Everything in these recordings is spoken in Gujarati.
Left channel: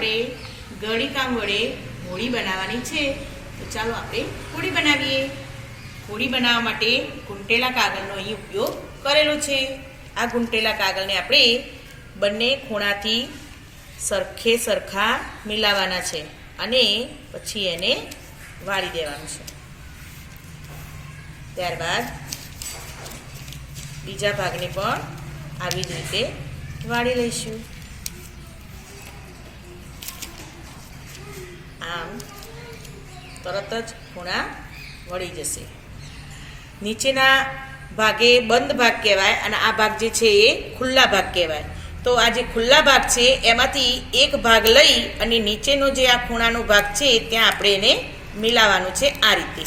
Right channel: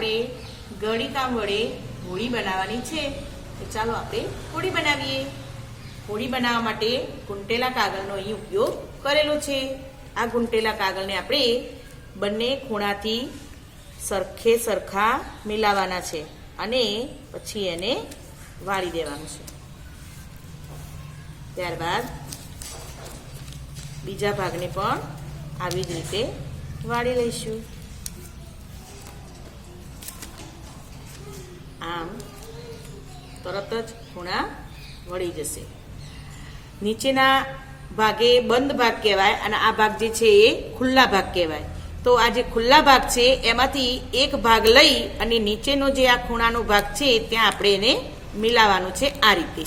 આપણે ગળીકામ વડે હોળી બનાવવાની છે. તો ચાલો આપણે હોળી બનાવીએ. હોળી બનાવવા માટે ઘૂંટેલા કાગળનો અહીં ઉપયોગ કરેલો છે. આ ઘૂંટેલા કાગળને આપણે બંને ખૂણાથી સરખે સરખા મિલાવવાના છે અને પછી એને વાળી દેવાનું છે. ત્યારબાદ બીજા ભાગને પણ આવી જ રીતે વાળી લઈશું. આમ તરત જ ખૂણા વળી જશે. નીચેના ભાગે બંધ ભાગ કહેવાય અને આ ભાગ જે છે એ ખુલ્લા ભાગ કહેવાય. તો આ જે ખુલ્લા ભાગ છે એમાંથી એક ભાગ લઈ અને નીચેનો જે આ ખૂણાનો ભાગ છે ત્યાં આપણે એને મિલાવવાનું છે. આ રીતે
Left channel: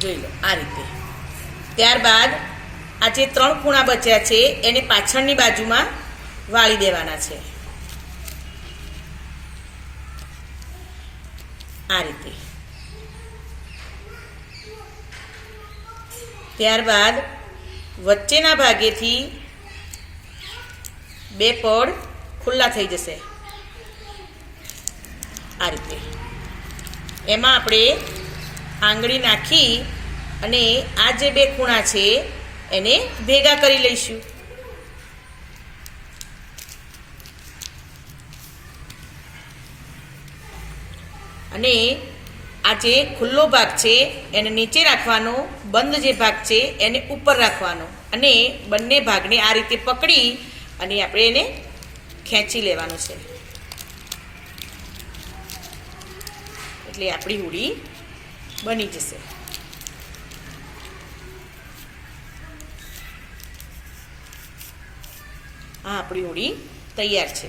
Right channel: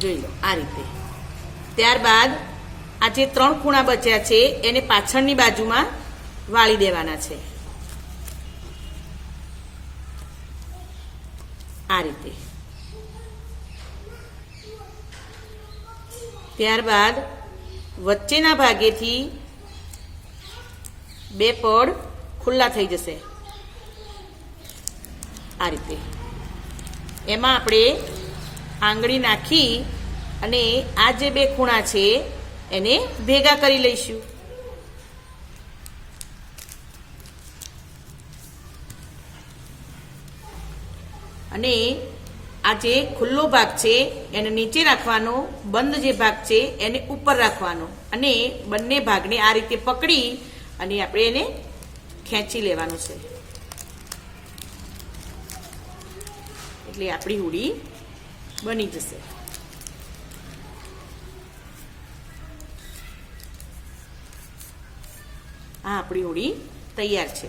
જોઈ લો, આ રીતે. ત્યારબાદ આ જે 3 ખૂણા બચ્યા છે એને પાછળની બાજુમાં વાળી દેવાના છે. આ રીતે. ત્યારબાદ વચ્ચેના ભાગેથી 2 પડ ખુલ્લા થઈ જશે. આ રીતે. એમાં આપણે આંગળી નાખી અને આ જે 2 ખૂણા છે એને ભેગા કરી લઈશું. અને આ જે ખુલ્લો ભાગ છે એને નીચે રાખવાનો, બંધ જે ભાગ છે એને ઉપર રાખવાનો અને બંને ભાગને આ રીતે પકડી અને આપણે એને ખેંચી લેવાનું છે. એટલે આપણી હોળી બની જશે. આ આપણી હોળી તૈયાર છે.